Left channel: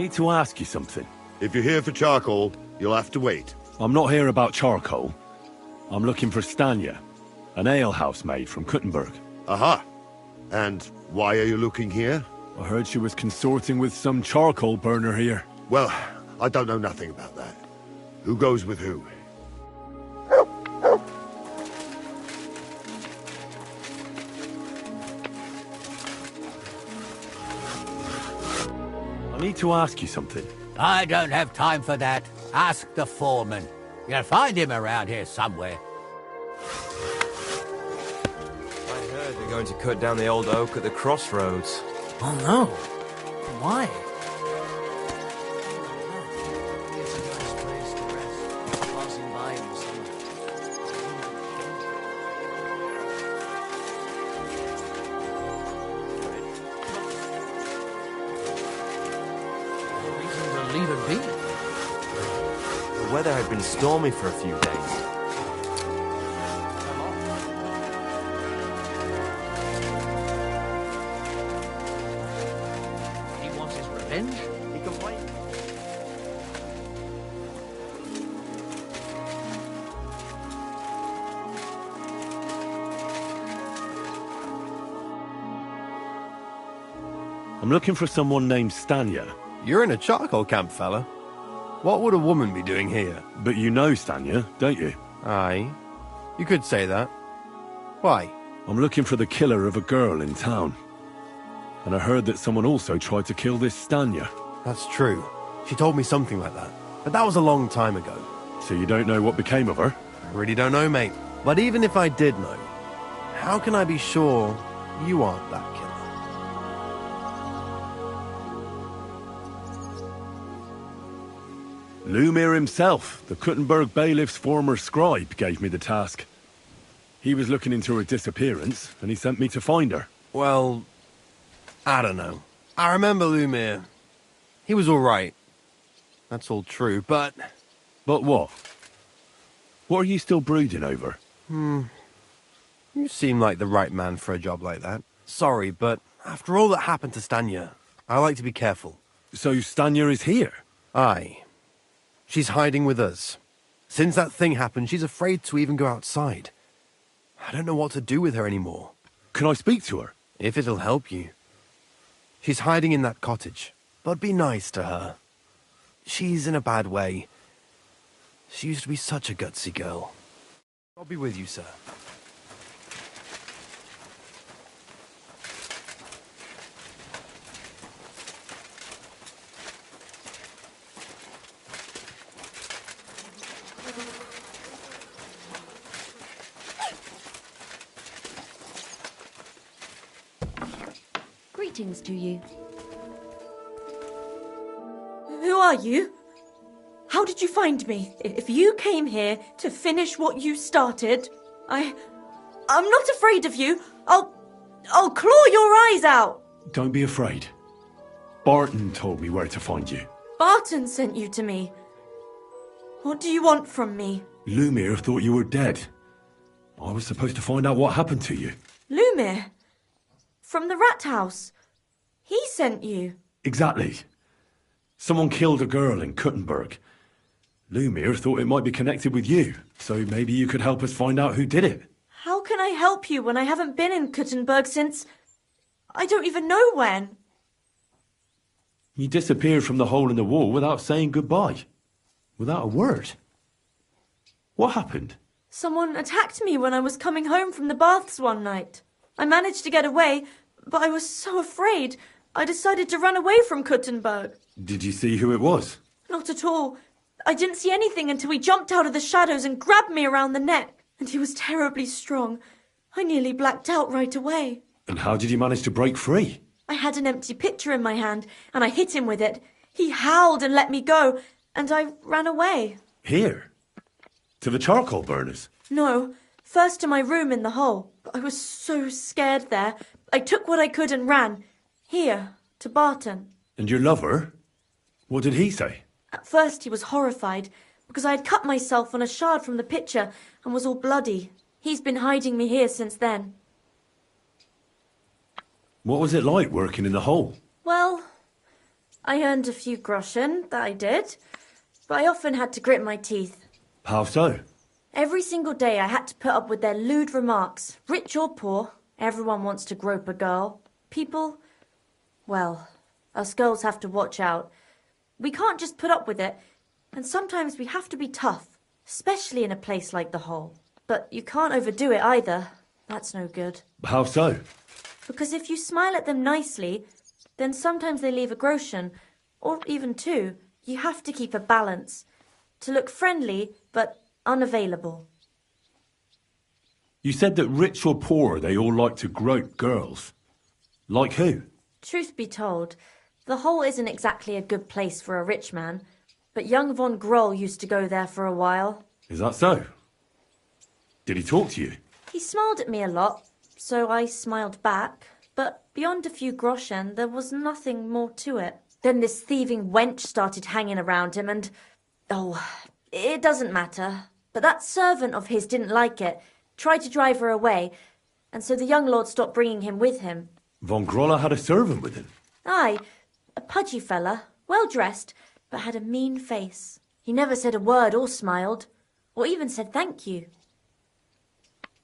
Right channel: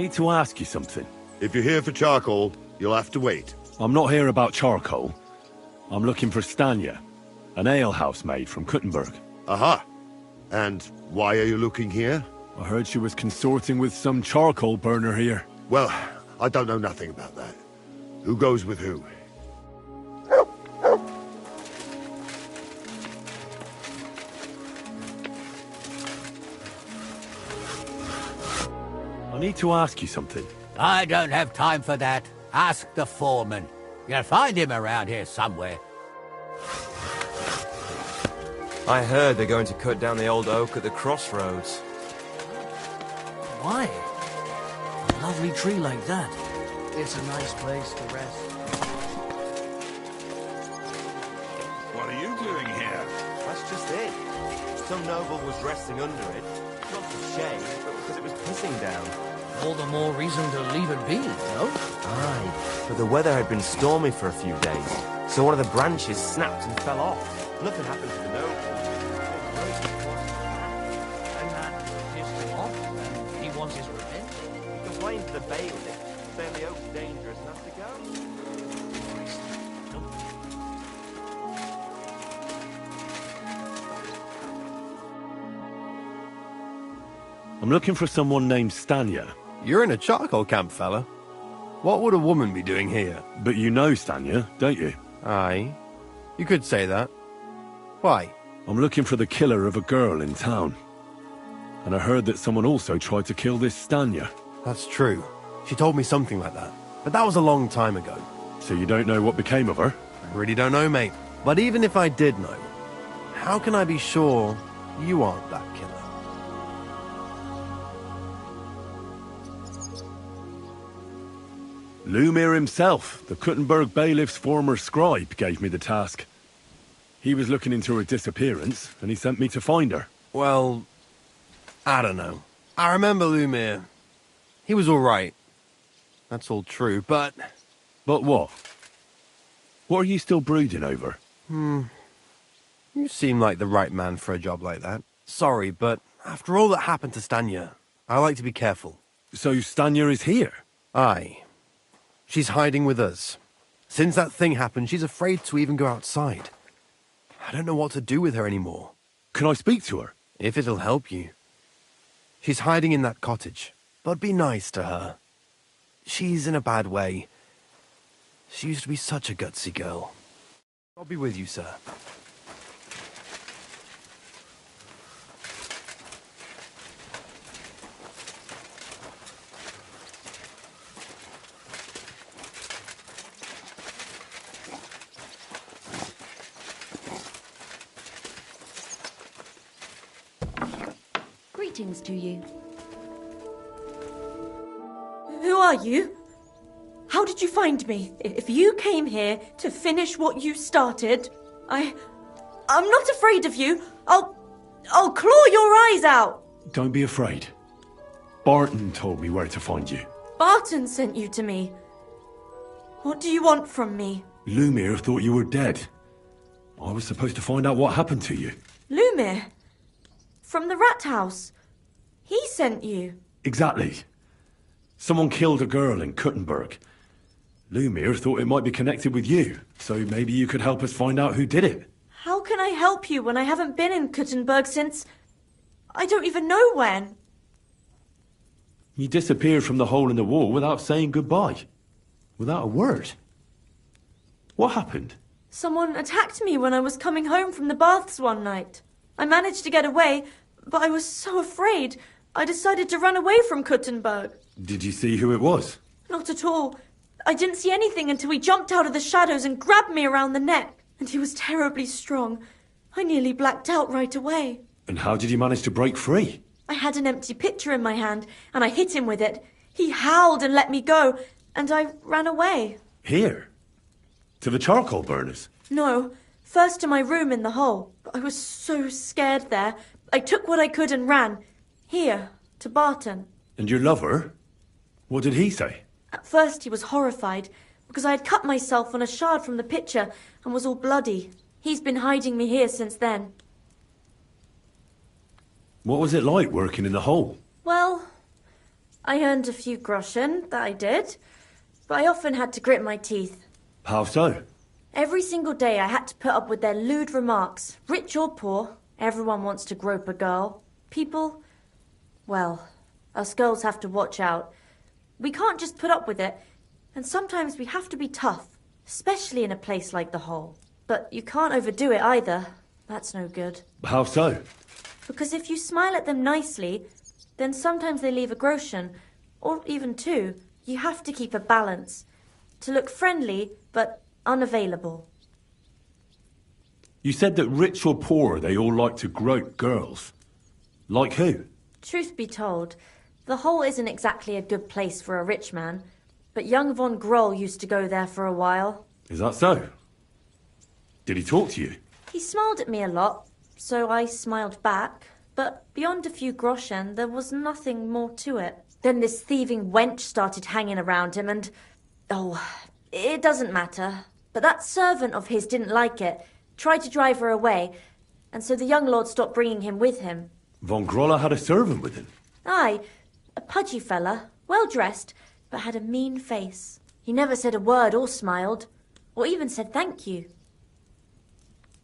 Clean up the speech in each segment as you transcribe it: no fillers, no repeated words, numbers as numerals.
need to ask you something. If you're here for charcoal, you'll have to wait. I'm not here about charcoal. I'm looking for Stanya, an alehouse maid from Kuttenberg. Aha. And why are you looking here? I heard she was consorting with some charcoal burner here. Well, I don't know nothing about that. Who goes with who? I need to ask you something. I don't have time for that. Ask the foreman. You'll find him around here somewhere. I heard they're going to cut down the old oak at the crossroads. Oh no. Why? A lovely tree like that. It's a nice place to rest. Passing by and see. What are you doing here? That's just it. Some noble was resting under it. Not to shame, because it was pissing down. All the more reason to leave it be, no? Right. But the weather had been stormy for a few days, so one of the branches snapped and fell off. Nothing happened to the oak. He wants his revenge? He complained to the bailiff, saying the oak's dangerous enough to go. I'm looking for someone named Stanya. You're in a charcoal camp, fella. What would a woman be doing here? But you know Stanya, don't you? Aye. You could say that. Why? I'm looking for the killer of a girl in town. And I heard that someone also tried to kill this Stanya. That's true. She told me something like that. But that was a long time ago. So you don't know what became of her? I really don't know, mate. But even if I did know, how can I be sure you aren't that killer? Lumir himself, the Kuttenberg bailiff's former scribe, gave me the task. He was looking into her disappearance, and he sent me to find her. Well, I don't know. I remember Lumir. He was all right. That's all true, but... But what? What are you still brooding over? You seem like the right man for a job like that. Sorry, but after all that happened to Stanya, I like to be careful. So Stanya is here? Aye. She's hiding with us. Since that thing happened, she's afraid to even go outside. I don't know what to do with her anymore. Can I speak to her? If it'll help you. She's hiding in that cottage, but be nice to her. She's in a bad way. She used to be such a gutsy girl. I'll be with you, sir. Greetings to you. Who are you? How did you find me? If you came here to finish what you started, I'm not afraid of you. I'll claw your eyes out. Don't be afraid. Barton told me where to find you. Barton sent you to me. What do you want from me? Lumir thought you were dead. I was supposed to find out what happened to you. Lumir? From the rat house? He sent you. Exactly. Someone killed a girl in Kuttenberg. Lumir thought it might be connected with you, so maybe you could help us find out who did it. How can I help you when I haven't been in Kuttenberg since... I don't even know when. You disappeared from the hole in the wall without saying goodbye. Without a word. What happened? Someone attacked me when I was coming home from the baths one night. I managed to get away, but I was so afraid, I decided to run away from Kuttenberg. Did you see who it was? Not at all. I didn't see anything until he jumped out of the shadows and grabbed me around the neck. And he was terribly strong. I nearly blacked out right away. And how did you manage to break free? I had an empty pitcher in my hand, and I hit him with it. He howled and let me go, and I ran away. Here? To the charcoal burners? No, first to my room in the hole. But I was so scared there. I took what I could and ran. Here, to Barton. And your lover? What did he say? At first he was horrified, because I had cut myself on a shard from the pitcher and was all bloody. He's been hiding me here since then. What was it like working in the hole? Well, I earned a few groschen, that I did. But I often had to grit my teeth. How so? Every single day I had to put up with their lewd remarks. Rich or poor, everyone wants to grope a girl. People, well, us girls have to watch out. We can't just put up with it, and sometimes we have to be tough, especially in a place like the Hole. But you can't overdo it either. That's no good. How so? Because if you smile at them nicely, then sometimes they leave a groschen, or even two. You have to keep a balance. To look friendly, but unavailable. You said that rich or poor, they all like to grope girls. Like who? Truth be told, the Hole isn't exactly a good place for a rich man, but young von Groll used to go there for a while. Is that so? Did he talk to you? He smiled at me a lot, so I smiled back, but beyond a few groschen, there was nothing more to it. Then this thieving wench started hanging around him and... oh, it doesn't matter. But that servant of his didn't like it, tried to drive her away, and so the young lord stopped bringing him with him. Von Groller had a servant with him? Aye, a pudgy fella, well-dressed, but had a mean face. He never said a word or smiled, or even said thank you.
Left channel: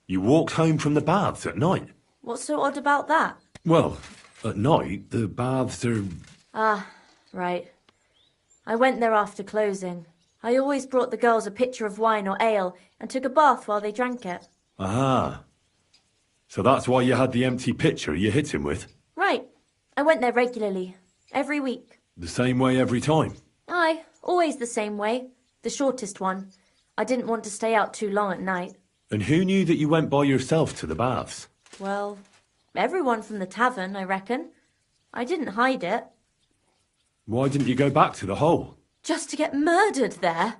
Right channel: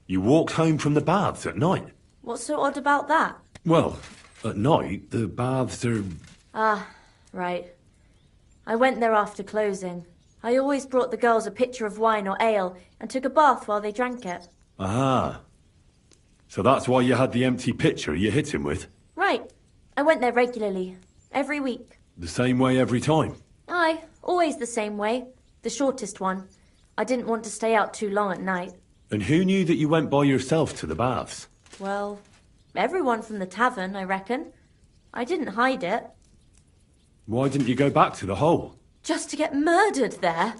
You walked home from the baths at night? What's so odd about that? Well, at night, the baths are... Ah, right. I went there after closing. I always brought the girls a pitcher of wine or ale and took a bath while they drank it. Ah. So that's why you had the empty pitcher you hit him with? Right. I went there regularly. Every week. The same way every time? Aye, always the same way. The shortest one. I didn't want to stay out too long at night. And who knew that you went by yourself to the baths? Well, everyone from the tavern, I reckon. I didn't hide it. Why didn't you go back to the Hole? Just to get murdered there?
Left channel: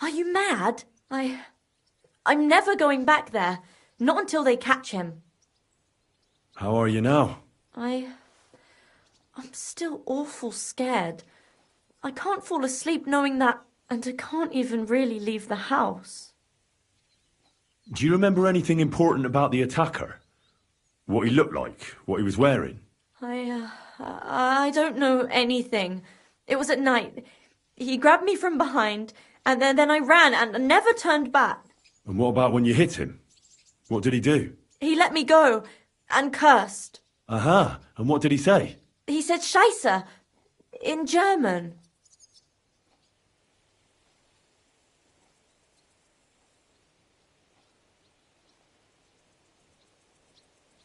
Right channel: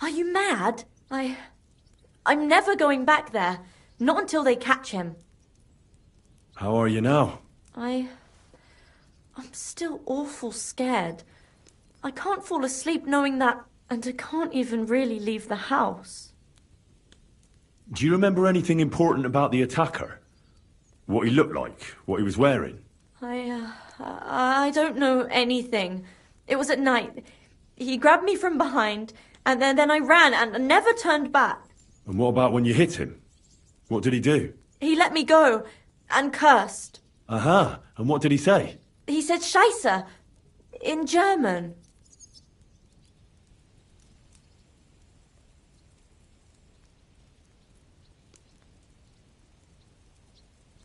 Are you mad? I'm never going back there. Not until they catch him. How are you now? I'm still awful scared. I can't fall asleep knowing that, and I can't even really leave the house. Do you remember anything important about the attacker? What he looked like? What he was wearing? I don't know anything. It was at night. He grabbed me from behind, and then I ran and never turned back. And what about when you hit him? What did he do? He let me go and cursed. Aha, and what did he say? He said Scheisse in German.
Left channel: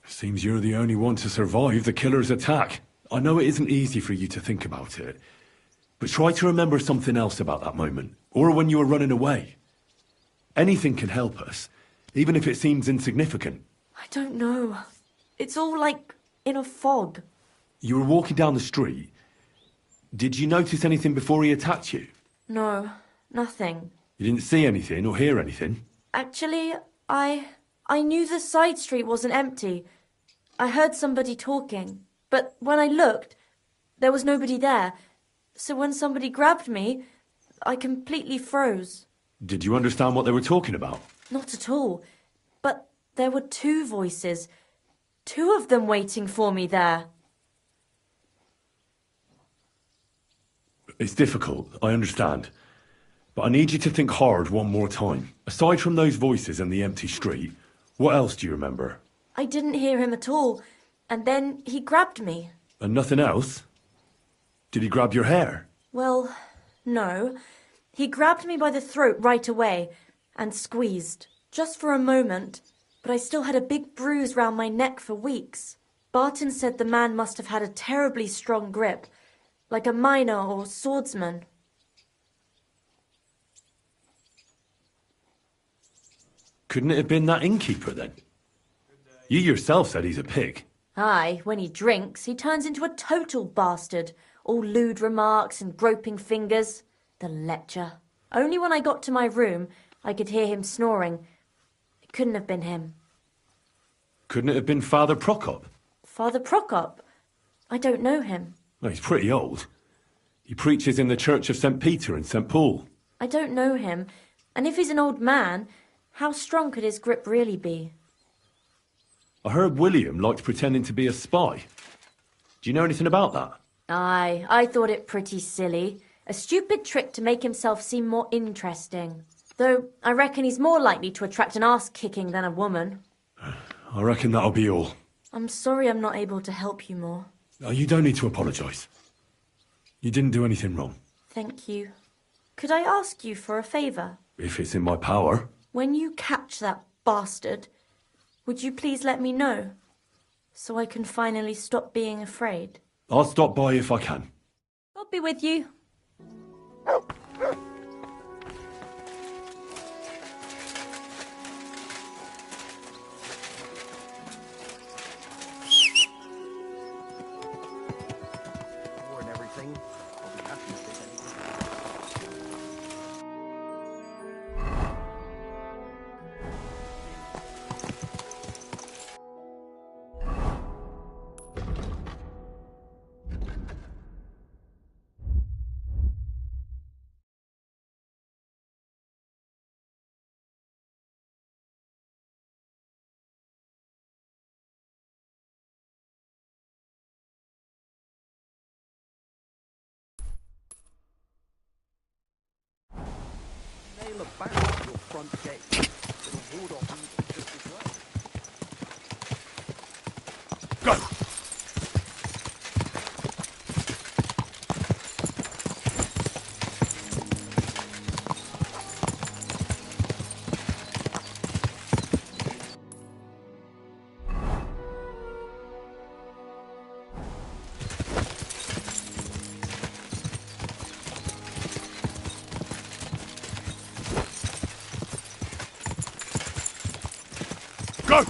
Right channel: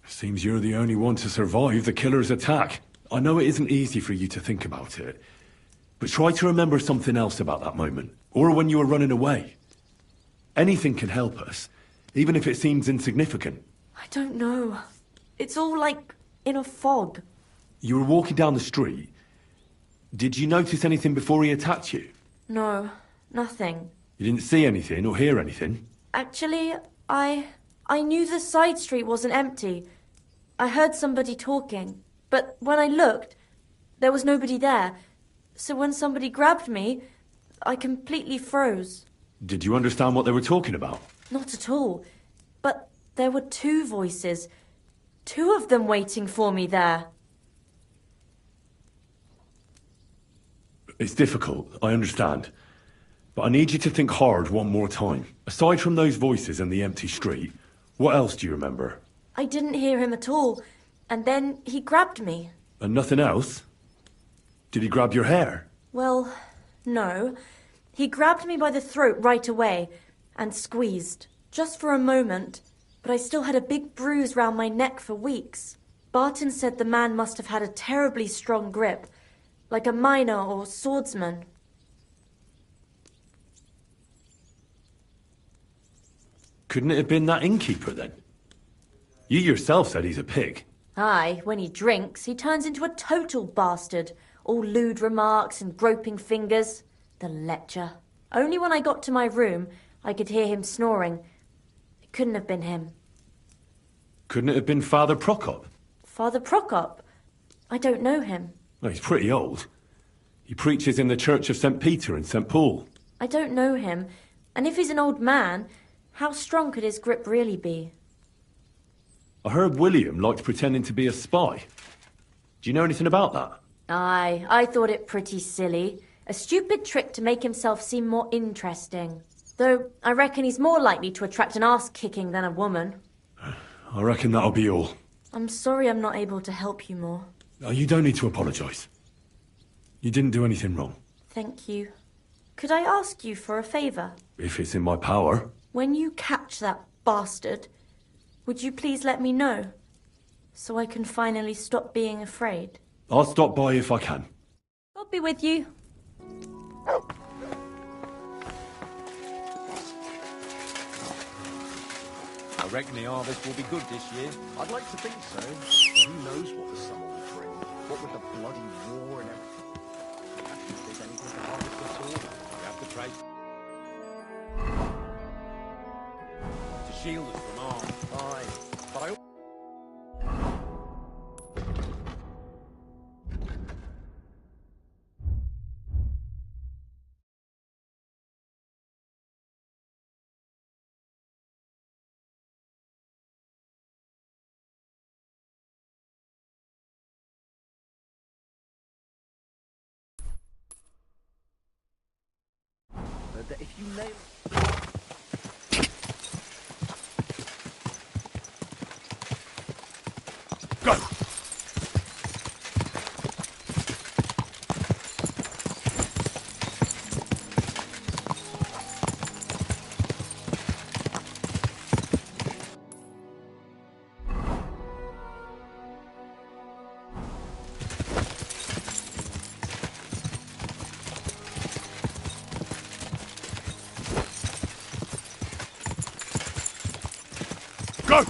Seems you're the only one to survive the killer's attack. I know it isn't easy for you to think about it, but try to remember something else about that moment, or when you were running away. Anything can help us, even if it seems insignificant. I don't know. It's all like in a fog. You were walking down the street. Did you notice anything before he attacked you? No, nothing. You didn't see anything or hear anything? Actually, I knew the side street wasn't empty. I heard somebody talking, but when I looked, there was nobody there. So when somebody grabbed me, I completely froze. Did you understand what they were talking about? Not at all. But there were two voices. Two of them waiting for me there. It's difficult, I understand. But I need you to think hard one more time. Aside from those voices and the empty street, what else do you remember? I didn't hear him at all. And then he grabbed me. And nothing else? Did he grab your hair? Well, no. He grabbed me by the throat right away and squeezed. Just for a moment. But I still had a big bruise round my neck for weeks. Barton said the man must have had a terribly strong grip. Like a miner or swordsman. Couldn't it have been that innkeeper then? You yourself said he's a pig. Aye, when he drinks, he turns into a total bastard. All lewd remarks and groping fingers. The lecher. Only when I got to my room, I could hear him snoring. It couldn't have been him. Couldn't it have been Father Prokop? Father Prokop? I don't know him. Well, he's pretty old. He preaches in the Church of St. Peter and St. Paul. I don't know him. And if he's an old man, how strong could his grip really be? I heard William liked pretending to be a spy. Do you know anything about that? Aye, I thought it pretty silly. A stupid trick to make himself seem more interesting. Though I reckon he's more likely to attract an ass-kicking than a woman. I reckon that'll be all. I'm sorry I'm not able to help you more. You don't need to apologise. You didn't do anything wrong. Thank you. Could I ask you for a favour? If it's in my power. When you catch that bastard, would you please let me know? So I can finally stop being afraid. I'll stop by if I can. I'll be with you. I reckon the harvest will be good this year. I'd like to think so. Who knows what the summer will bring? What with the bloody war and everything. I'll be happy if there's anything to harvest before. I have to trade. The shield is long. Aye. But I... that if you nail a barrel to the front deck, hold on. Go! Go!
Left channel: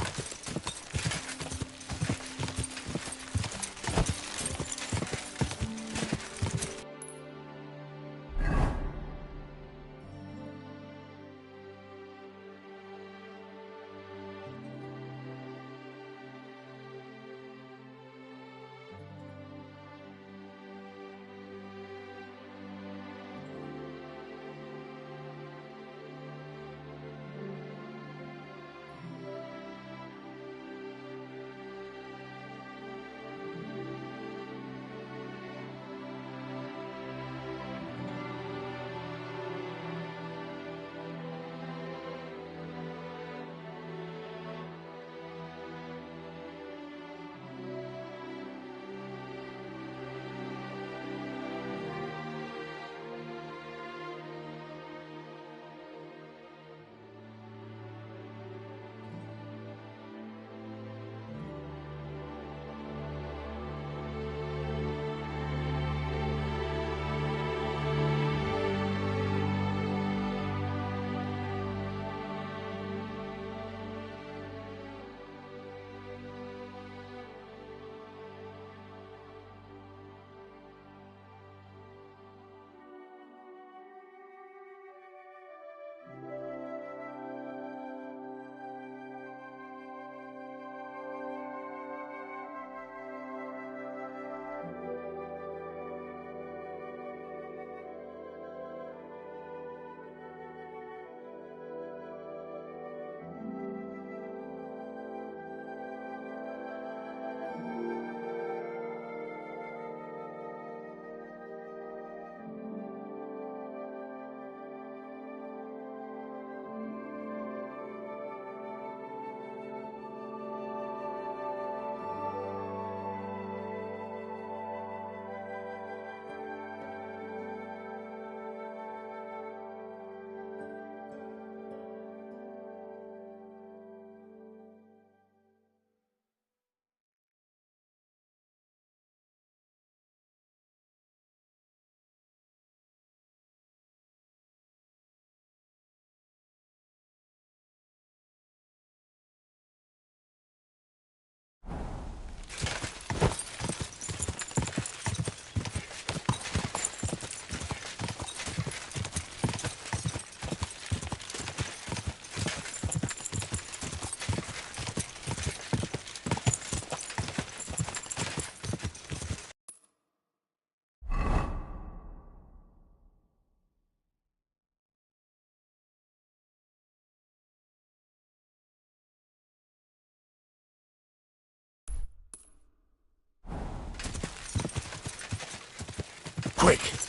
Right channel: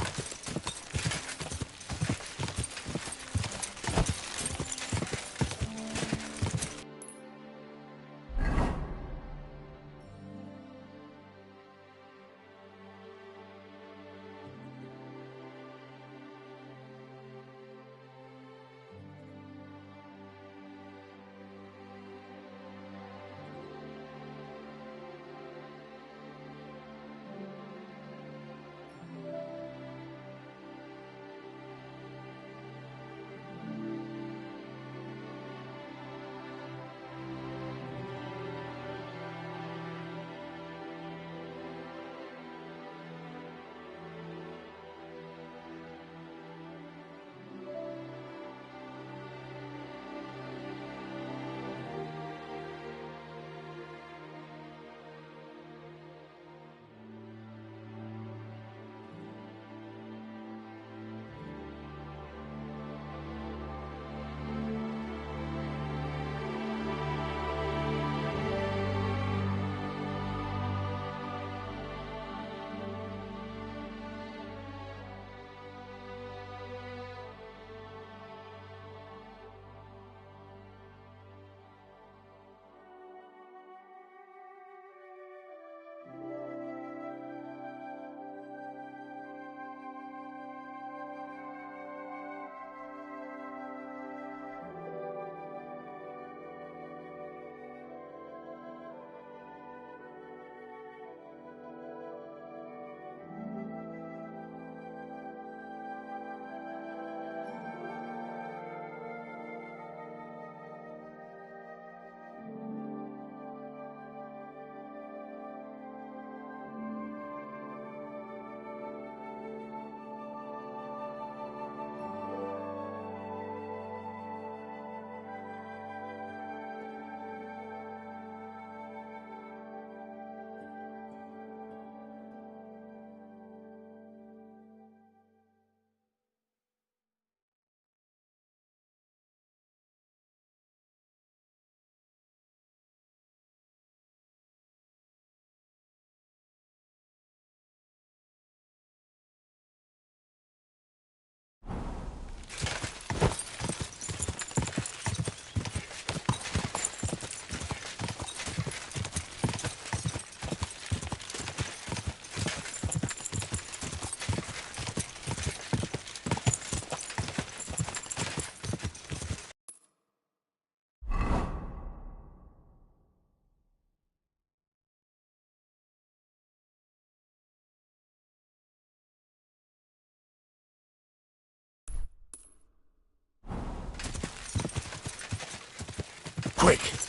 quick!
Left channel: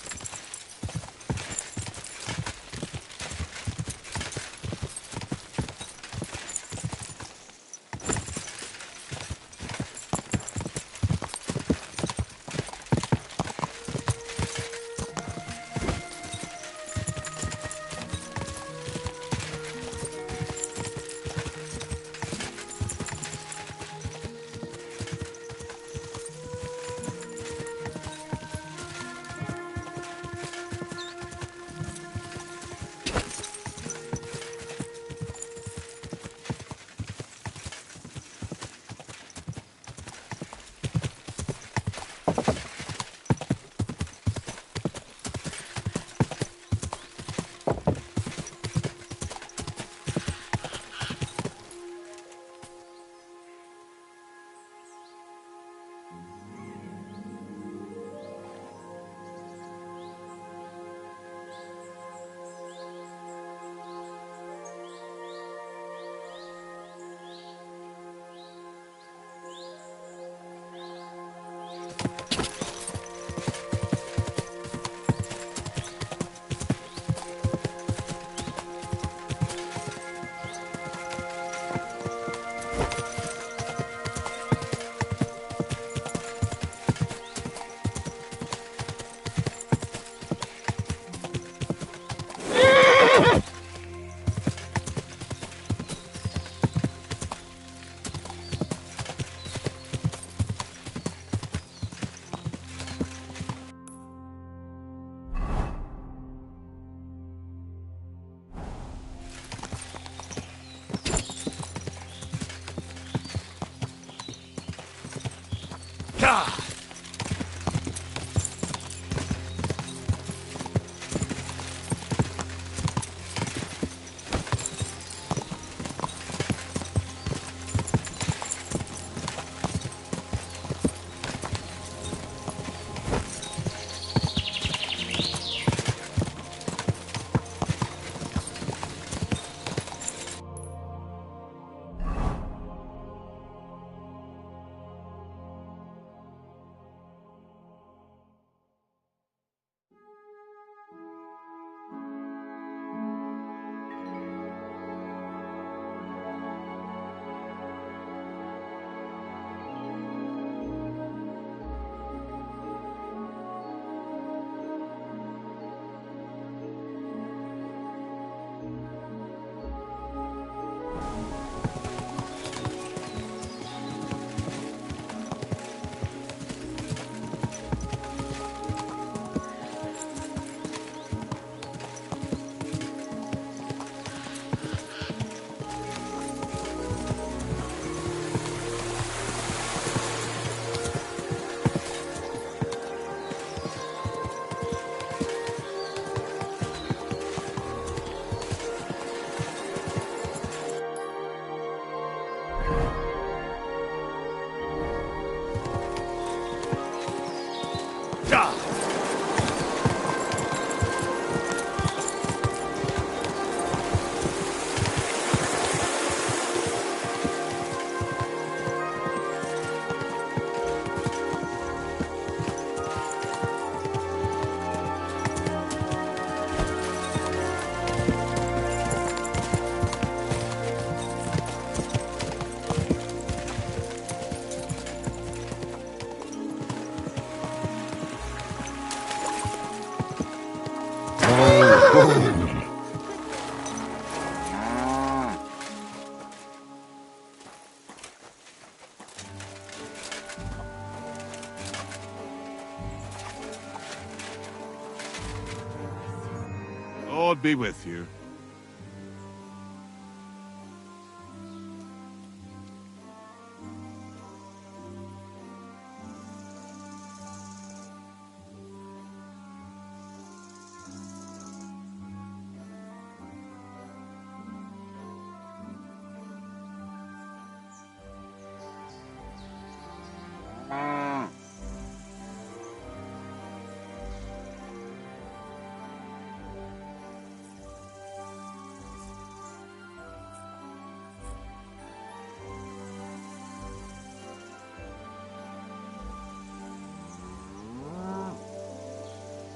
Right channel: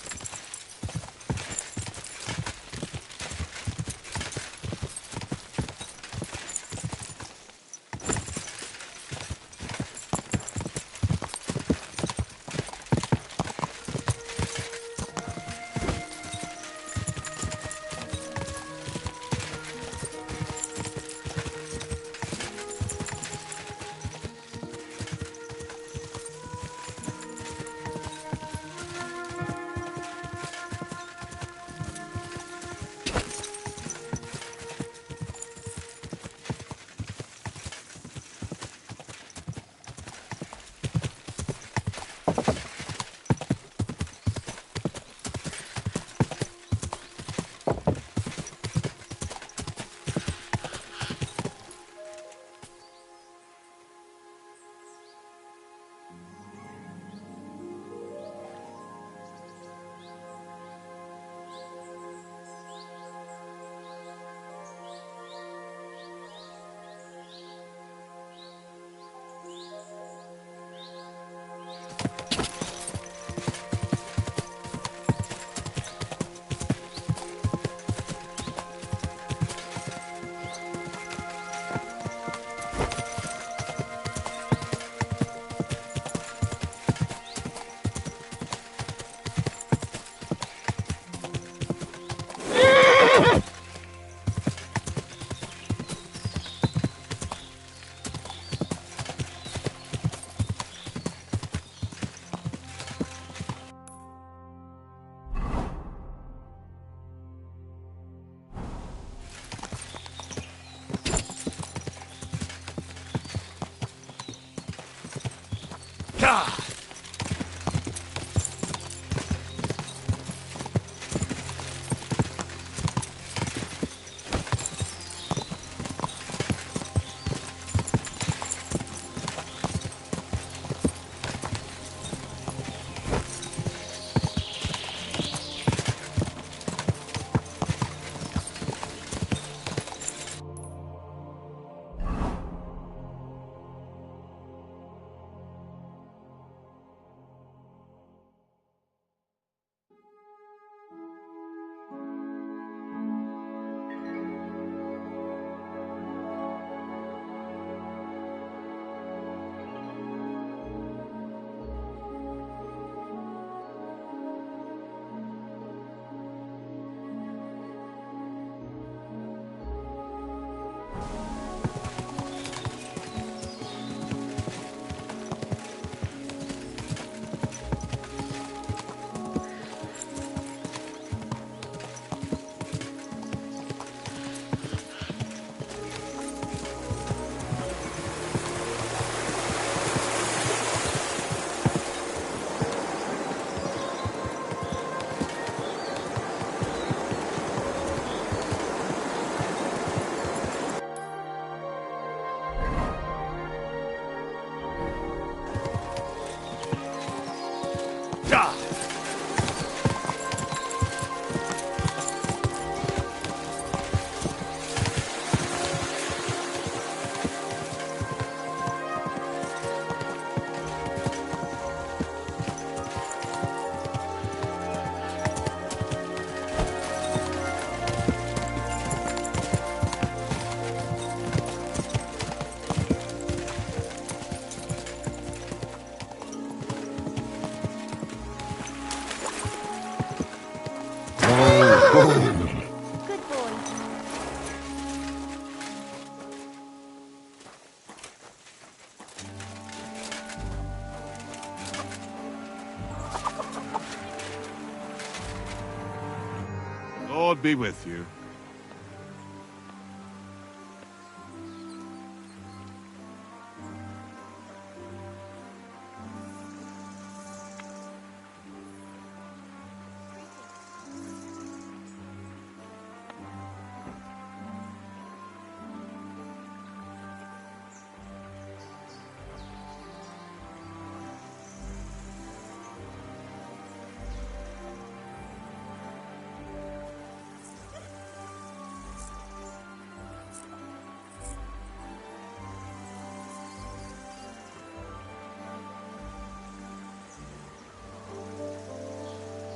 Lord be with you.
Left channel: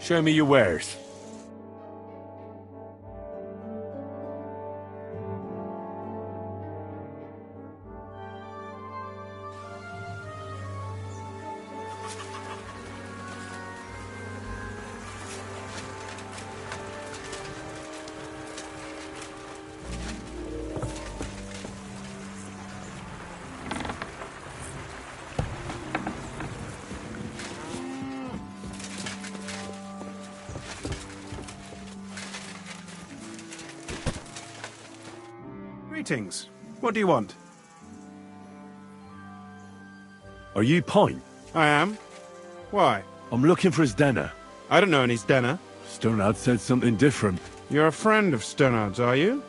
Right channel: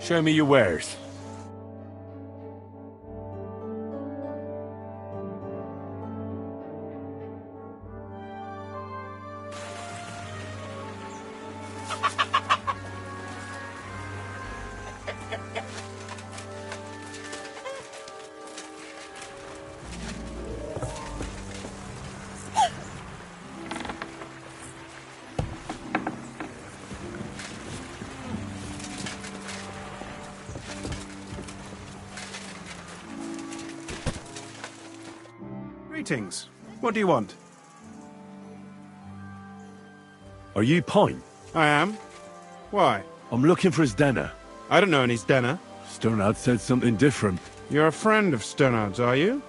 Show me your wares. Greetings. What do you want? Are you Pine? I am. Why? I'm looking for his Denner. I don't know any Stenner. Stonard said something different. You're a friend of Sternard's, are you?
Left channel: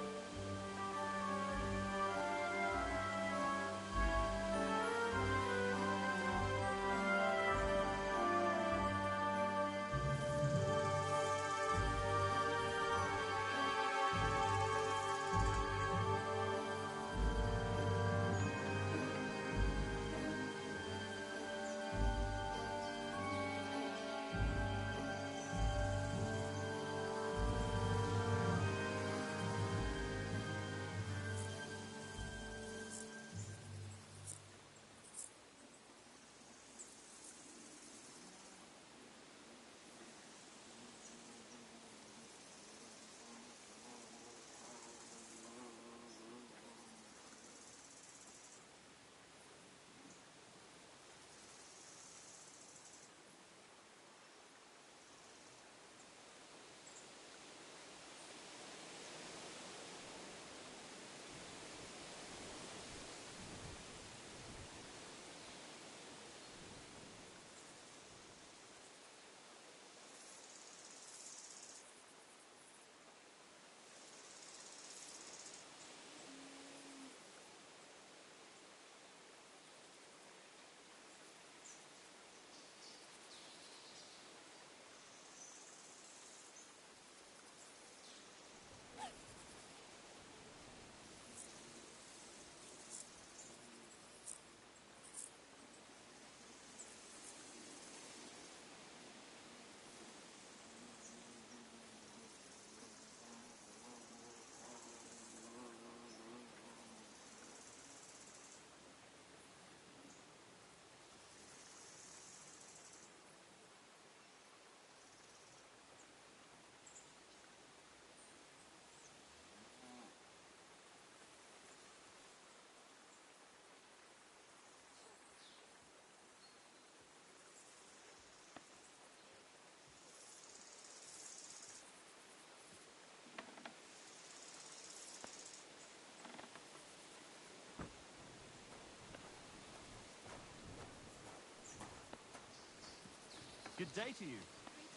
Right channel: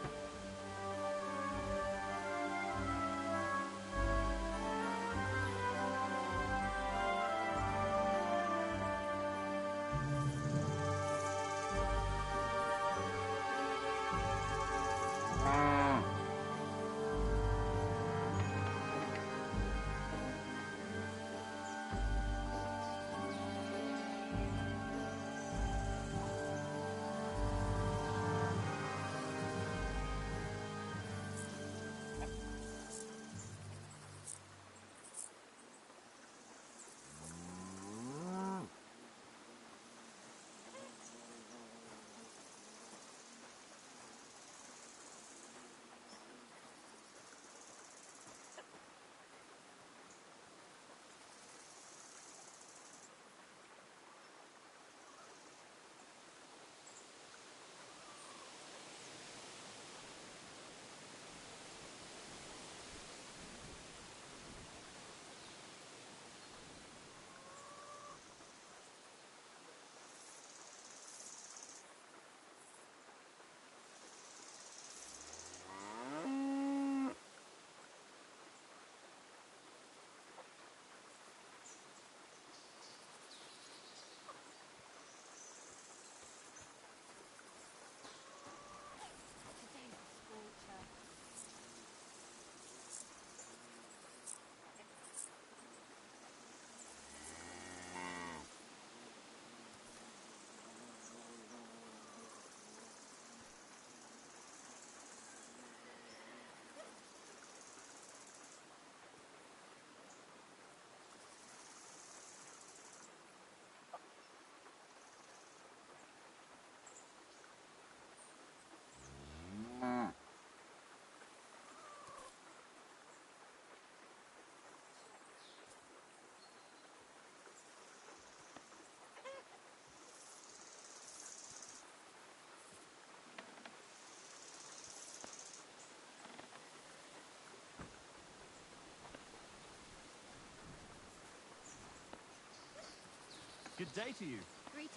Good day to you. Greetings.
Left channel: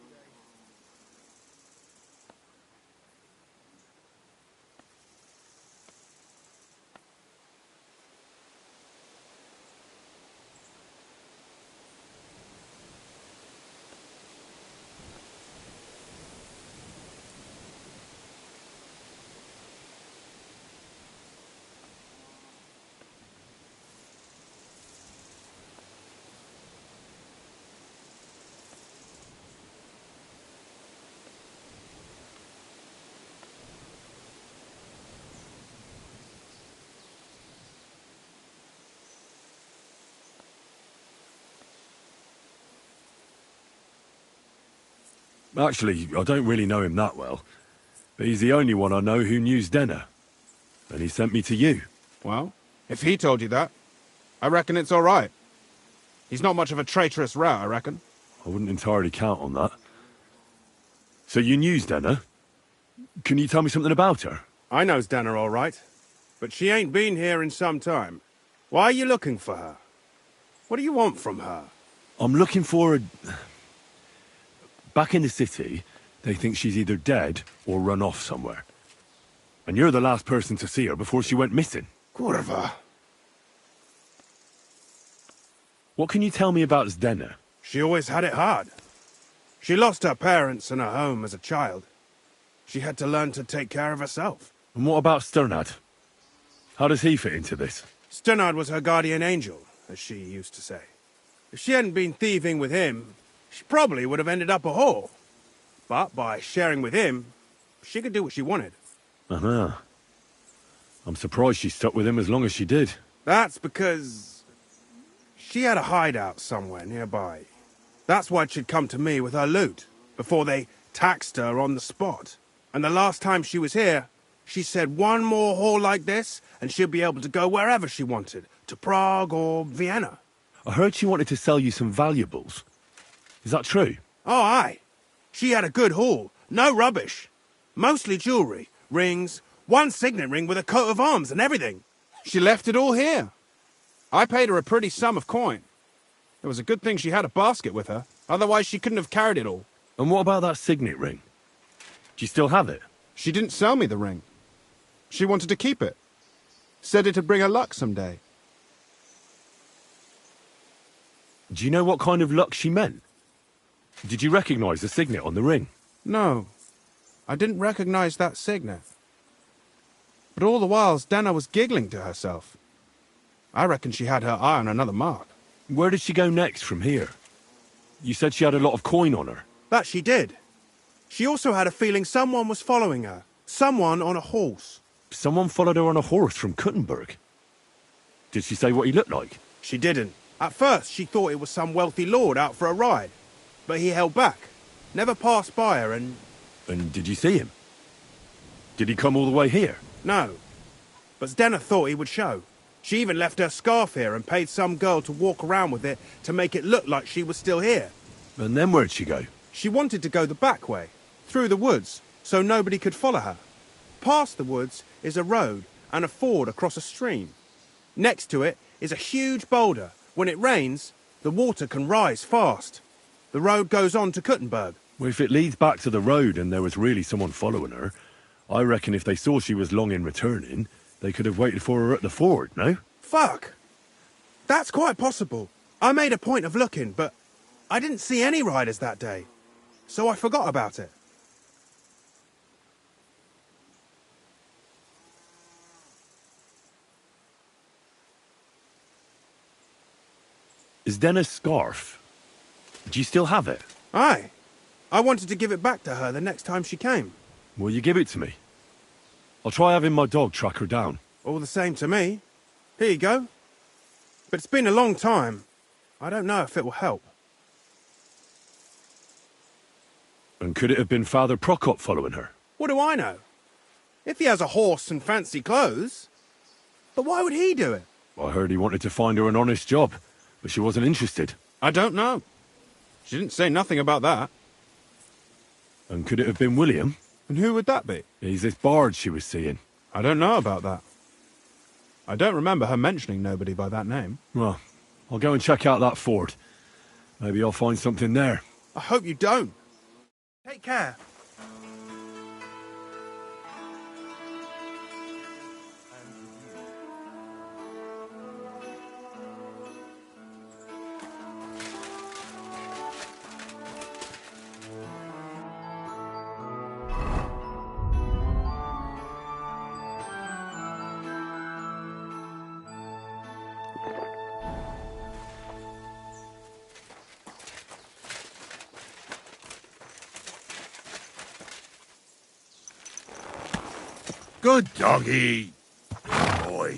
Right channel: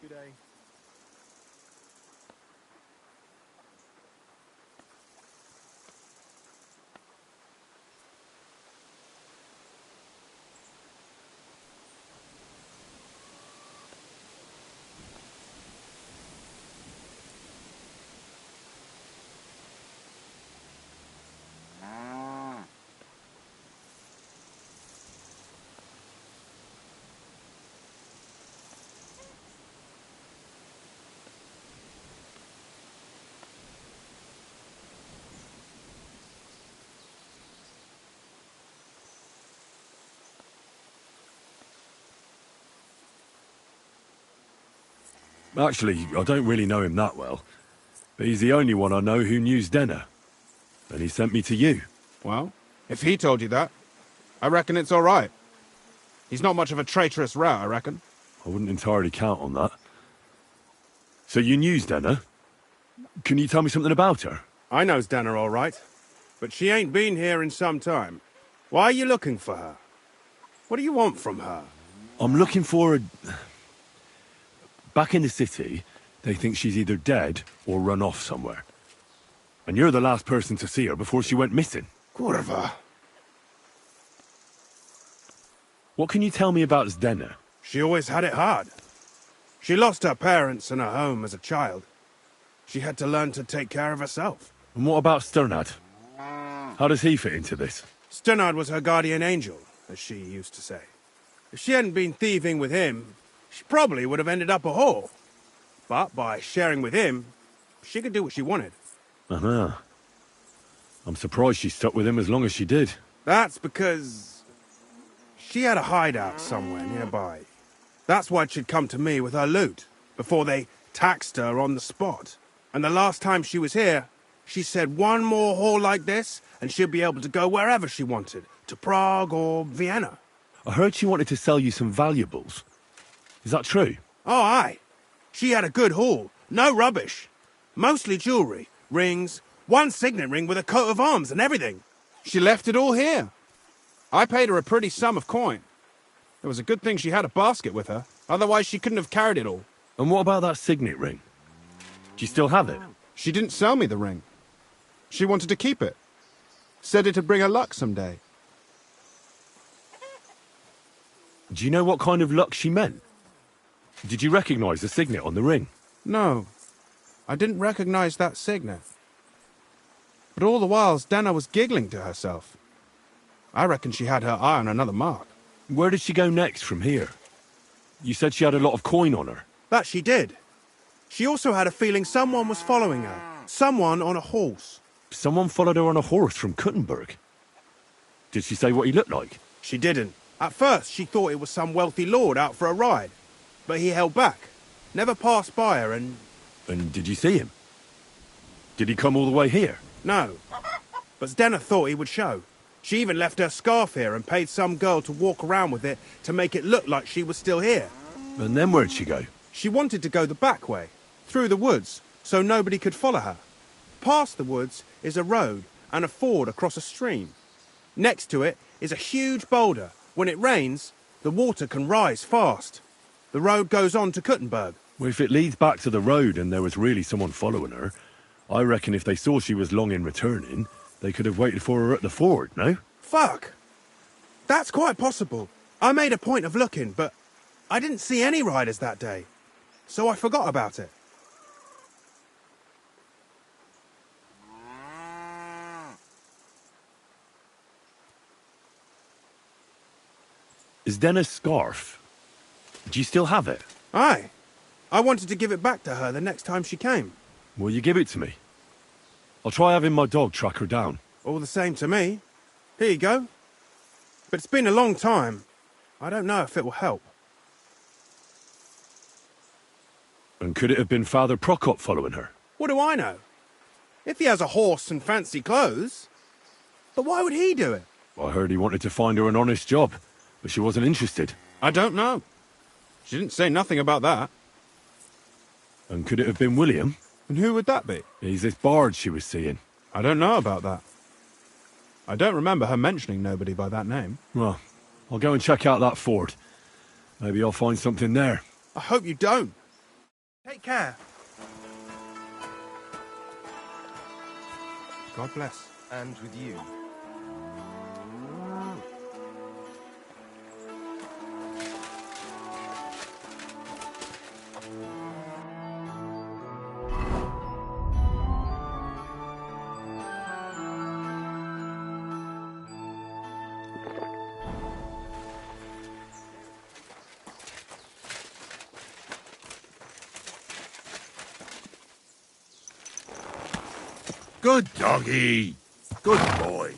Good day. Actually, I don't really know him that well. But he's the only one I know who knew Denner. And he sent me to you. Well, if he told you that, I reckon it's all right. He's not much of a traitorous rat, I reckon. I wouldn't entirely count on that. So you knew Denner? Can you tell me something about her? I knows Danner all right, but she ain't been here in some time. Why are you looking for her? What do you want from her? I'm looking for a... Back in the city, they think she's either dead or run off somewhere. And you're the last person to see her before she went missing. Kurva. What can you tell me about Zdena? She always had it hard. She lost her parents and her home as a child. She had to learn to take care of herself. And what about Sternad? How does he fit into this? Sternard was her guardian angel, as she used to say. If she hadn't been thieving with him, she probably would have ended up a whore. But by sharing with him, she could do what she wanted. Uh-huh. I'm surprised she stuck with him as long as she did. That's because she had a hideout somewhere nearby. That's why she'd come to me with her loot, before they taxed her on the spot. And the last time she was here, she said one more haul like this, and she'd be able to go wherever she wanted, to Prague or Vienna. I heard she wanted to sell you some valuables. Is that true? Oh, aye. She had a good haul, no rubbish. Mostly jewellery, rings, one signet ring with a coat of arms and everything. She left it all here. I paid her a pretty sum of coin. It was a good thing she had a basket with her, otherwise she couldn't have carried it all. And what about that signet ring? Do you still have it? She didn't sell me the ring. She wanted to keep it. Said it'd bring her luck someday. Do you know what kind of luck she meant? Did you recognize the signet on the ring? No, I didn't recognize that signet. But all the while, Dana was giggling to herself. I reckon she had her eye on another mark. Where did she go next from here? You said she had a lot of coin on her. That she did. She also had a feeling someone was following her. Someone on a horse. Someone followed her on a horse from Kuttenberg. Did she say what he looked like? She didn't. At first, she thought it was some wealthy lord out for a ride. But he held back. Never passed by her and... And did you see him? Did he come all the way here? No. But Zdena thought he would show. She even left her scarf here and paid some girl to walk around with it to make it look like she was still here. And then where'd she go? She wanted to go the back way, through the woods, so nobody could follow her. Past the woods is a road and a ford across a stream. Next to it is a huge boulder. When it rains, the water can rise fast. The road goes on to Kuttenberg. Well, if it leads back to the road and there was really someone following her, I reckon if they saw she was long in returning, they could have waited for her at the ford, no? Fuck! That's quite possible. I made a point of looking, but I didn't see any riders that day. So I forgot about it. Is Denna's scarf? Do you still have it? Aye. I wanted to give it back to her the next time she came. Will you give it to me? I'll try having my dog track her down. All the same to me. Here you go. But it's been a long time. I don't know if it will help. And could it have been Father Prokop following her? What do I know? If he has a horse and fancy clothes. But why would he do it? I heard he wanted to find her an honest job, but she wasn't interested. I don't know. She didn't say nothing about that. And could it have been William? And who would that be? He's this bard she was seeing. I don't know about that. I don't remember her mentioning nobody by that name. Well, I'll go and check out that ford. Maybe I'll find something there. I hope you don't. Take care. God bless. And with you. Good doggy. Good boy.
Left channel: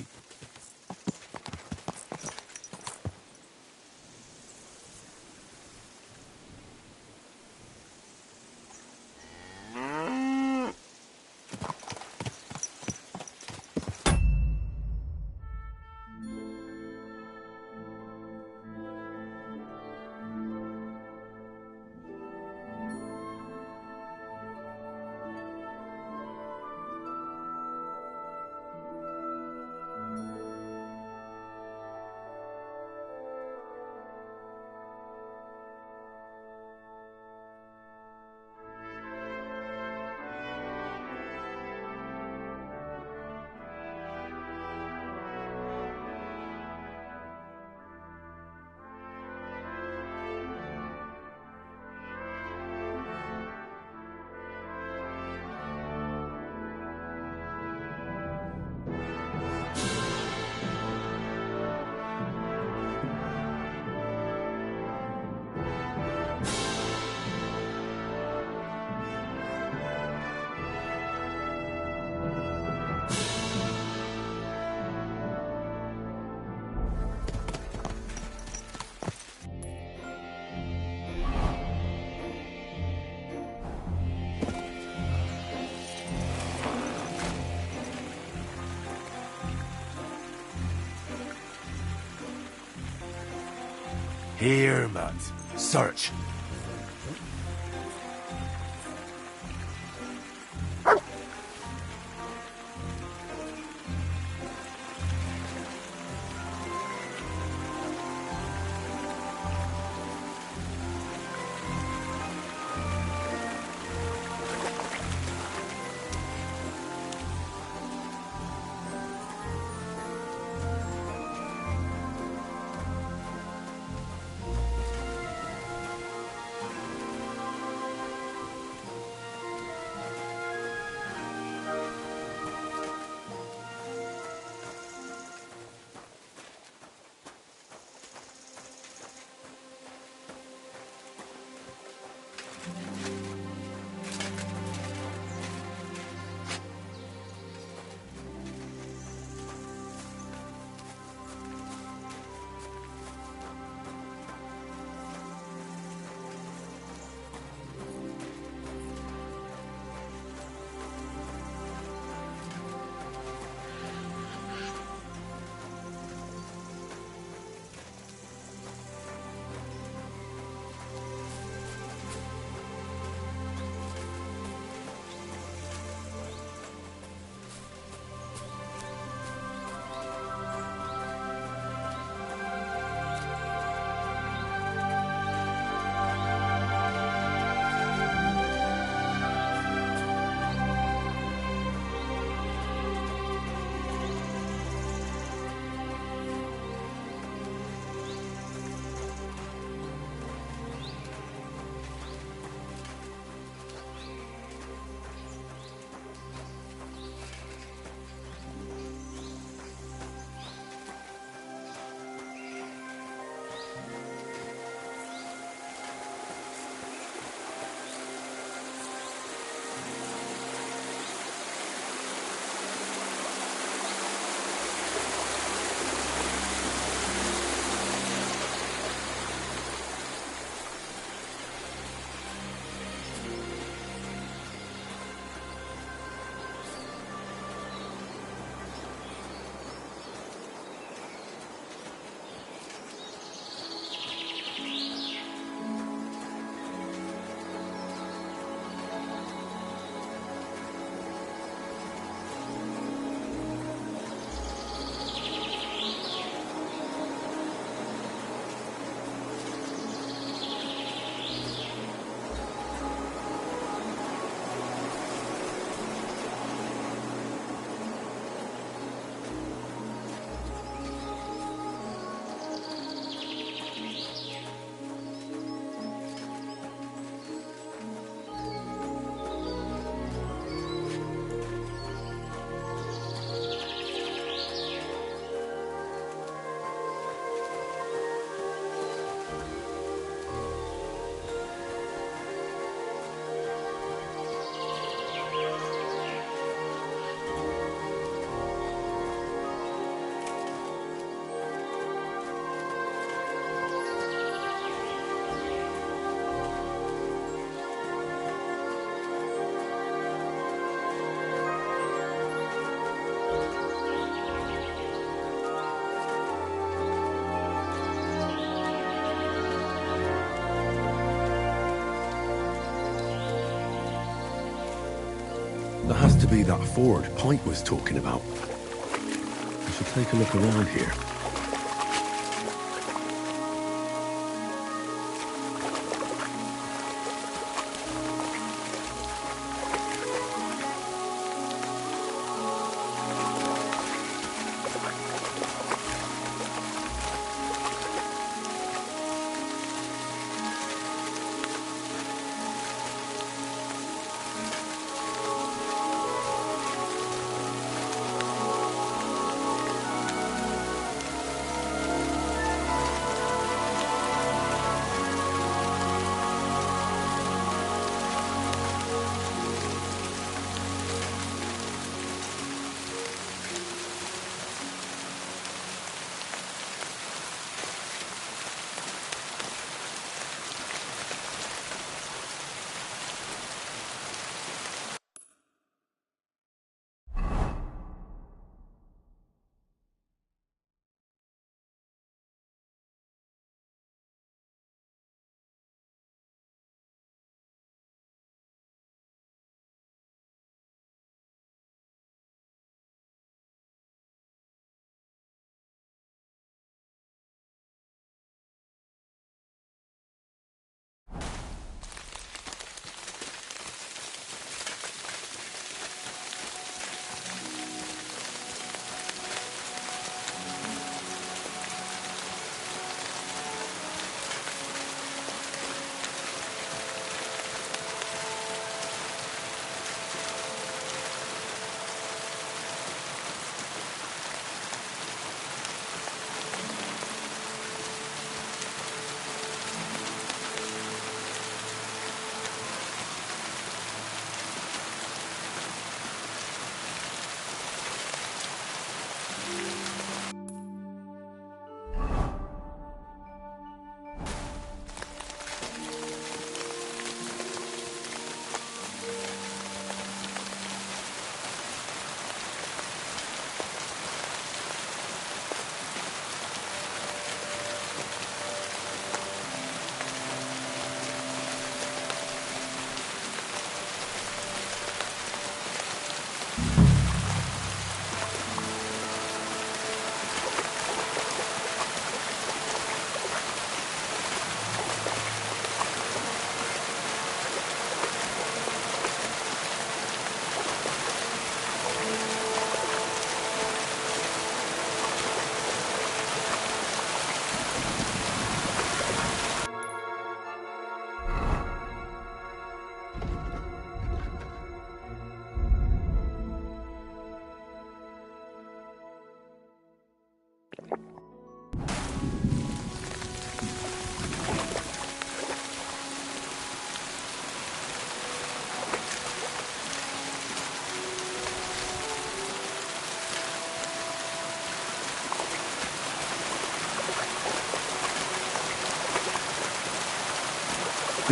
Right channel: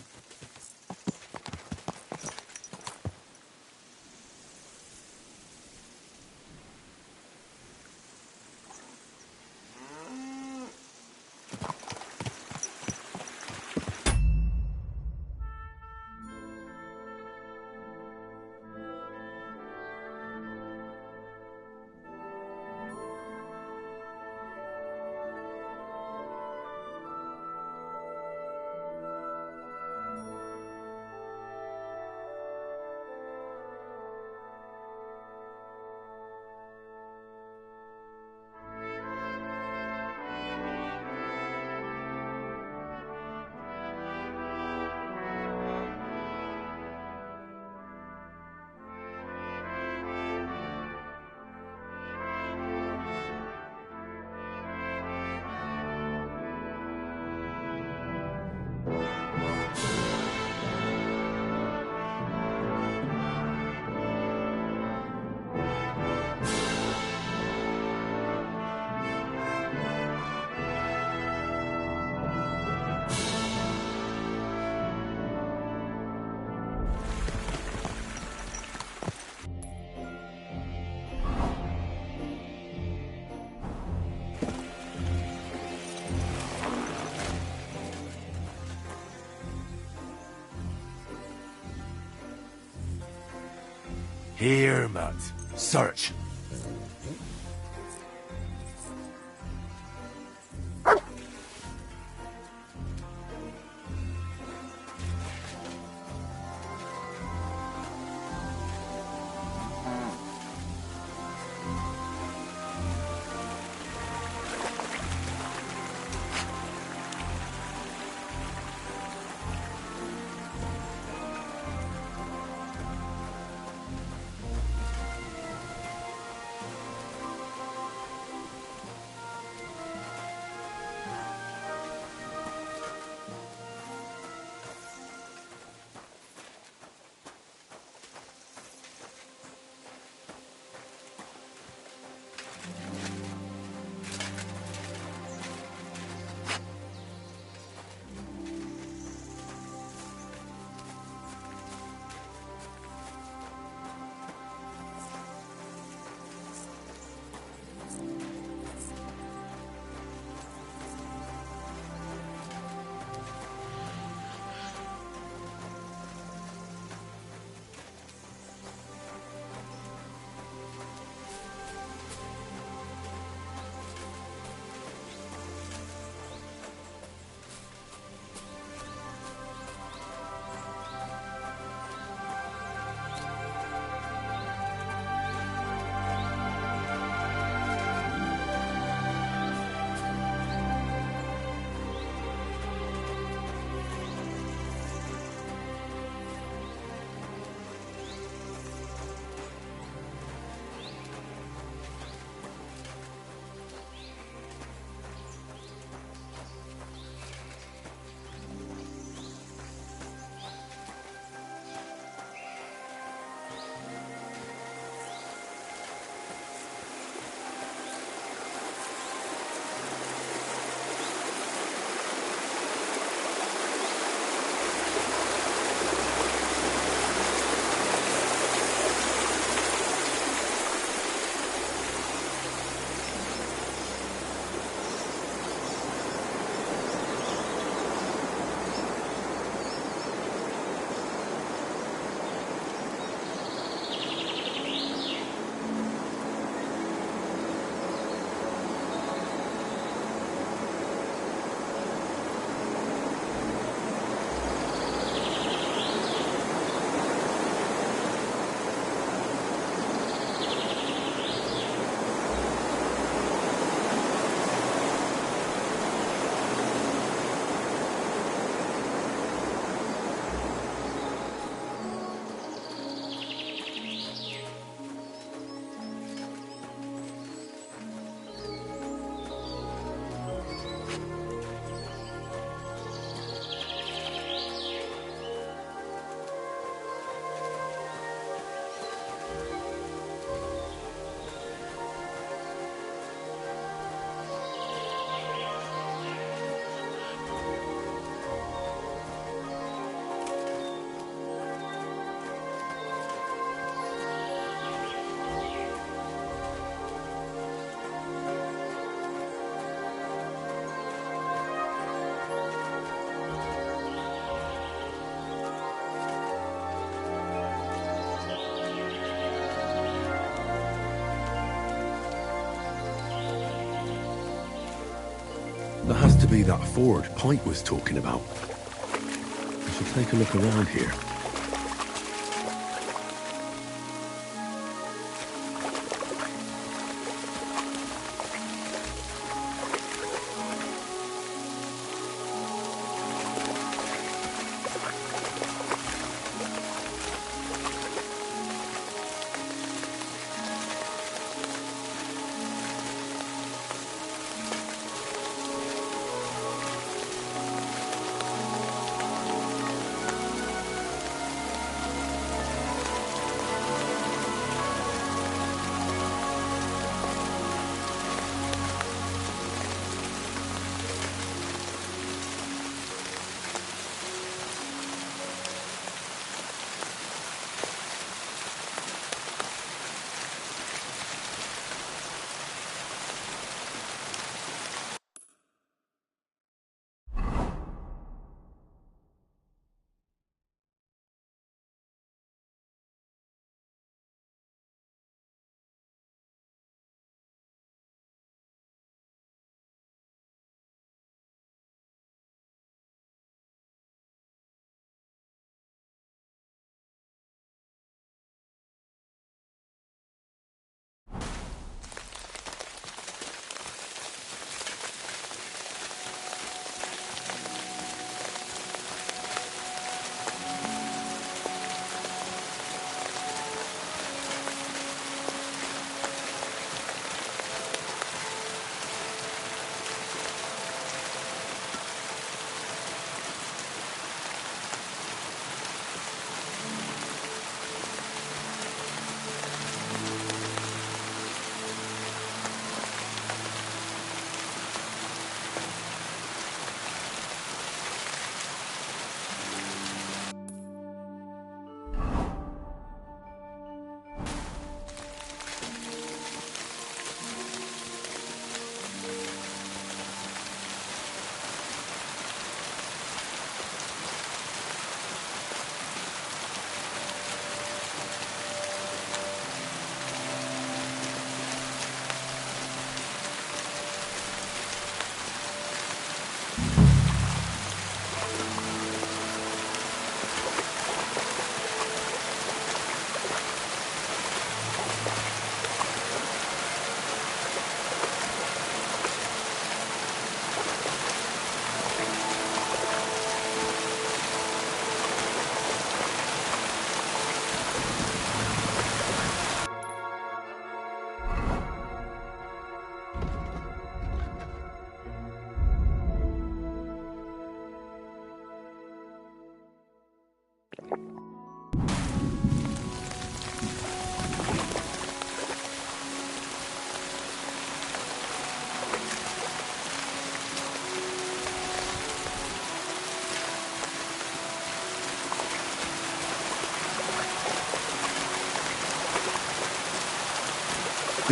Here, Matt. Search. That has to be that ford Pike was talking about. I should take a look around here.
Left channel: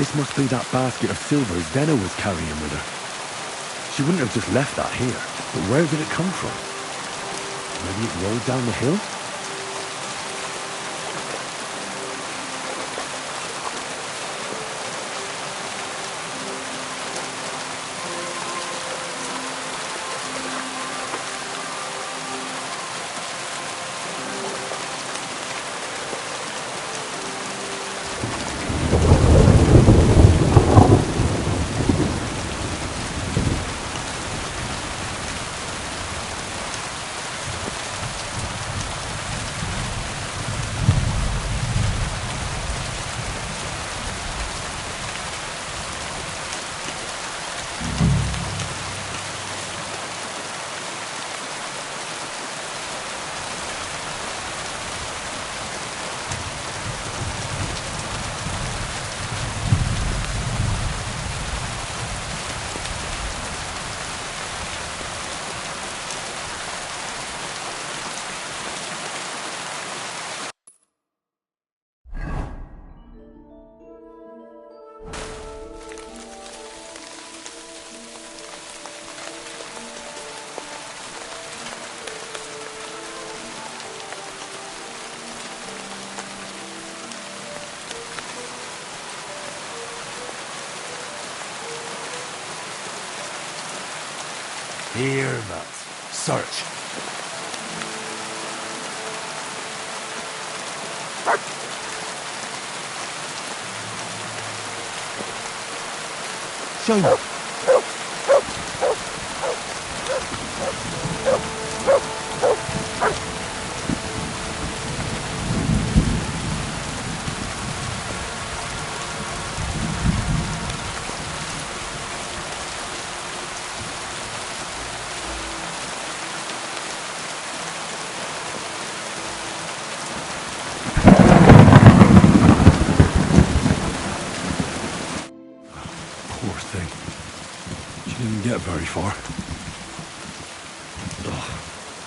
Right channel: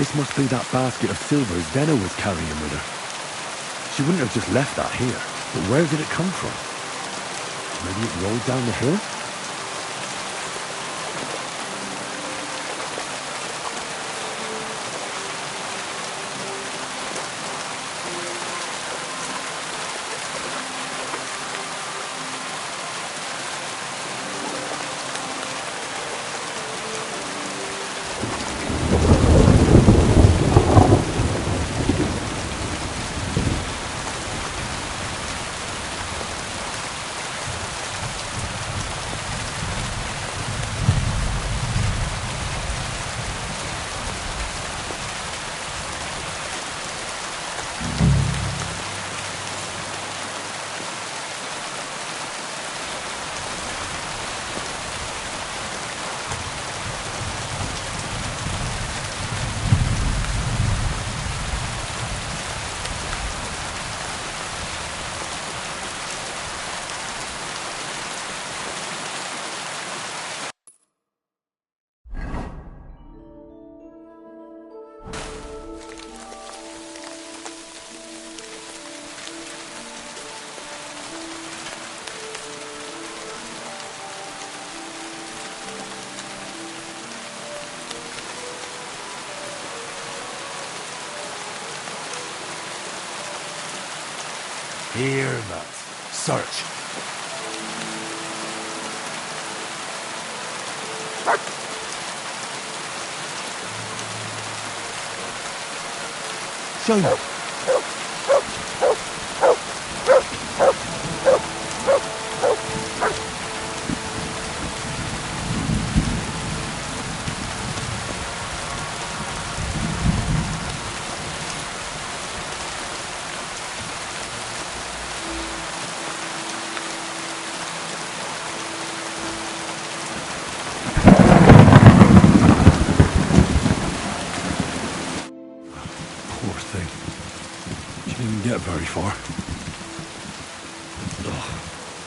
This must be that basket of silver Zena was carrying with her. She wouldn't have just left that here. But where did it come from? Maybe it rolled down the hill? Here, Matt. Search. Show me. Poor thing. She didn't get very far. Ugh,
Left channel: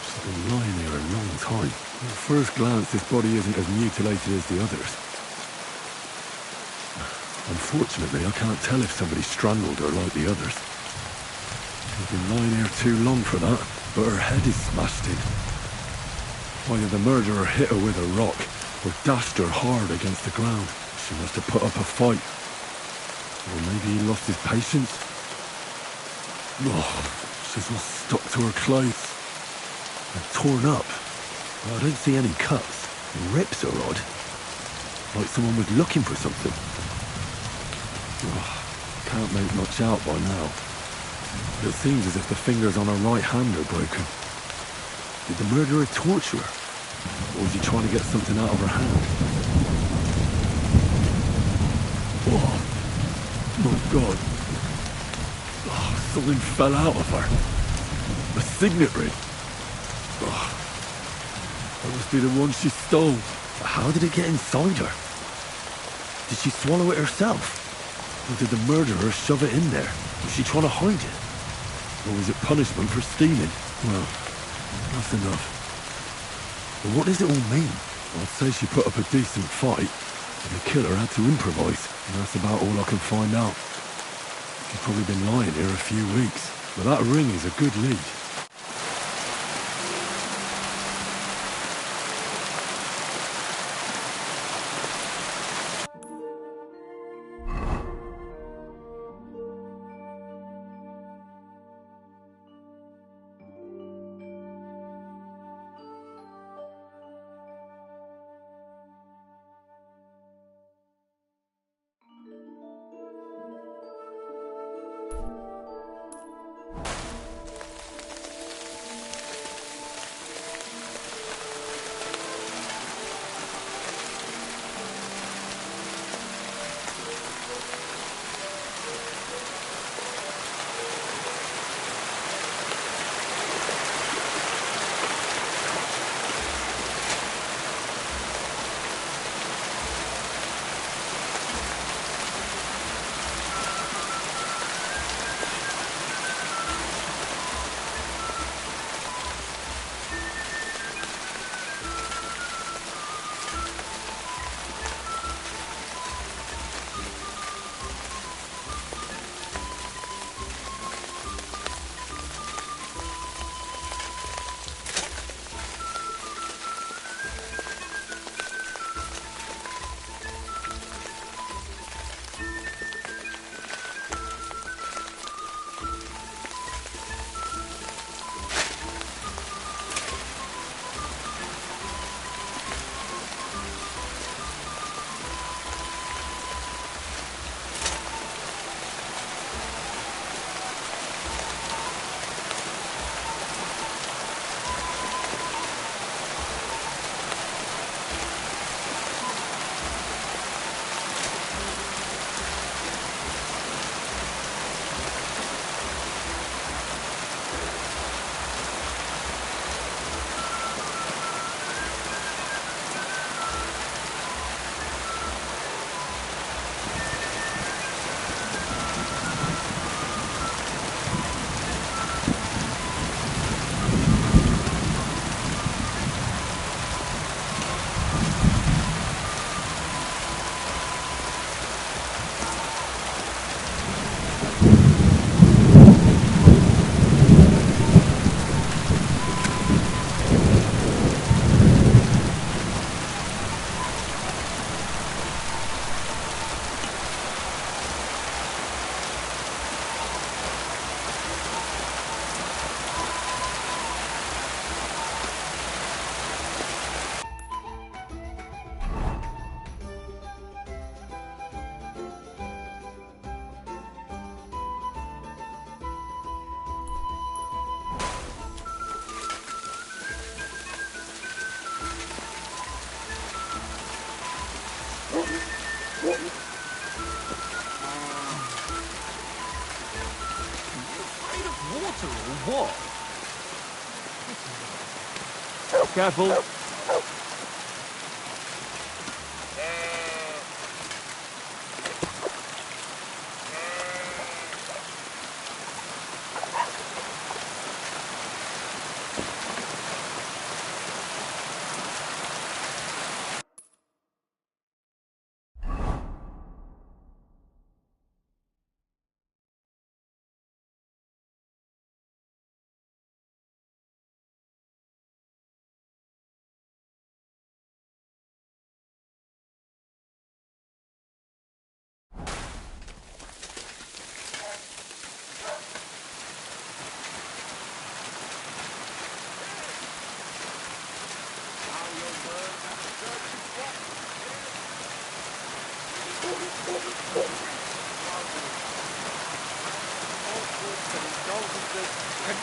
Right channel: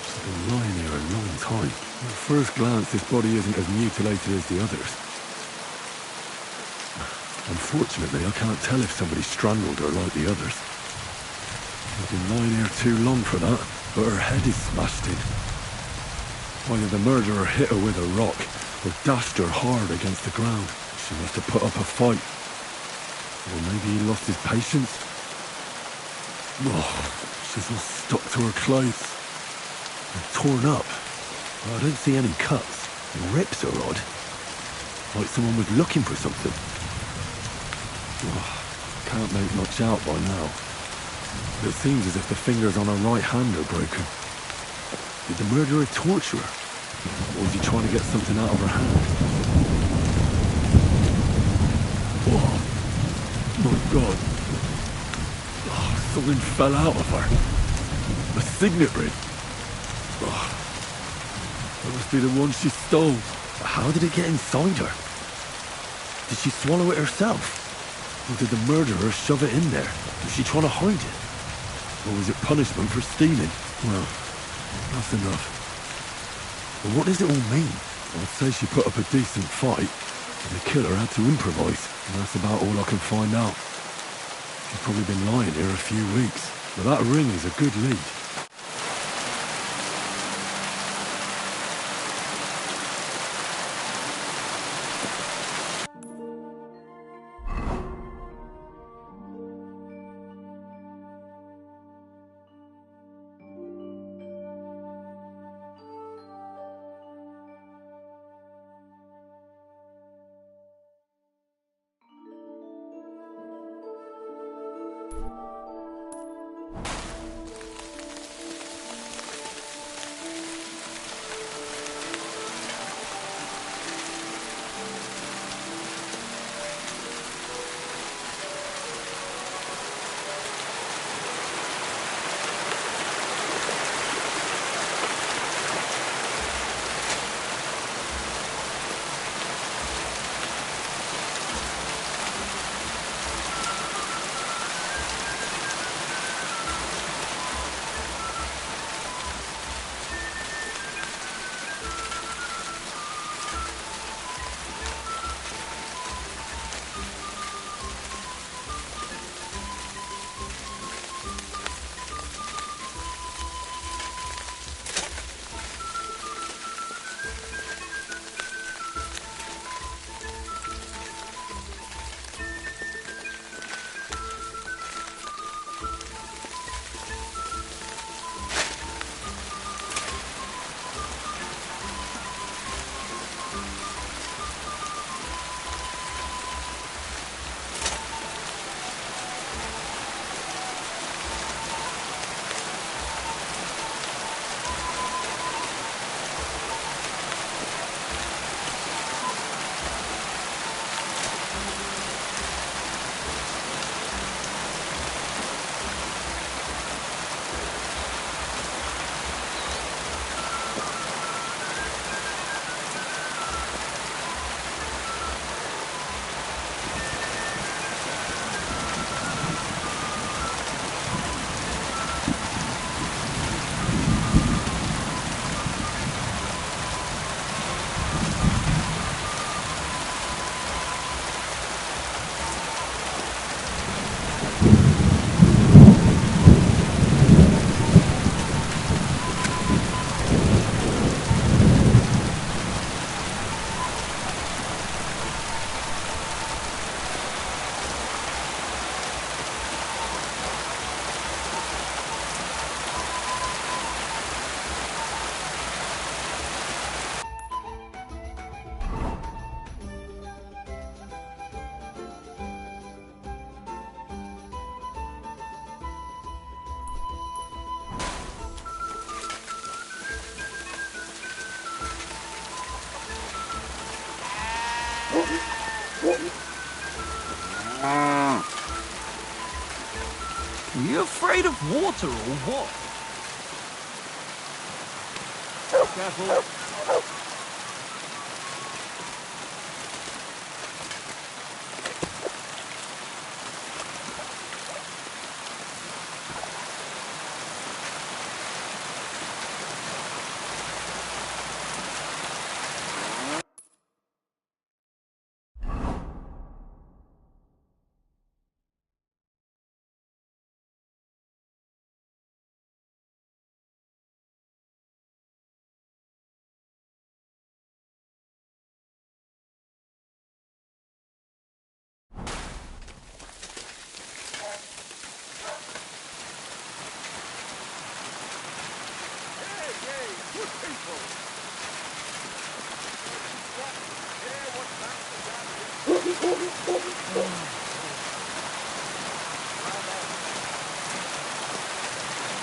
she's been lying here a long time. At first glance, this body isn't as mutilated as the others. Unfortunately, I can't tell if somebody strangled her like the others. She's been lying here too long for that, but her head is smashed in. Either the murderer hit her with a rock, or dashed her hard against the ground. She must have put up a fight. Or maybe he lost his patience. Oh, she's all stuck to her clothes. And torn up. But I don't see any cuts. The rips are odd. Like someone was looking for something. Oh, can't make much out by now. But it seems as if the fingers on her right hand are broken. Did the murderer torture her? Or was he trying to get something out of her hand? Oh. My God. Oh, something fell out of her. A signet ring. Oh, that must be the one she stole. But how did it get inside her? Did she swallow it herself? Or did the murderer shove it in there? Was she trying to hide it? Or was it punishment for stealing? Well, that's enough. But what does it all mean? I'd say she put up a decent fight. And the killer had to improvise, and that's about all I can find out. She's probably been lying here a few weeks, but that ring is a good lead. Are you afraid of water or what? Careful.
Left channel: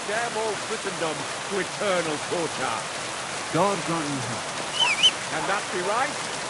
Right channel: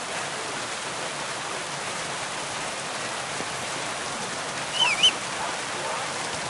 Damn all Christendom to eternal torture. God got you. And that's your right?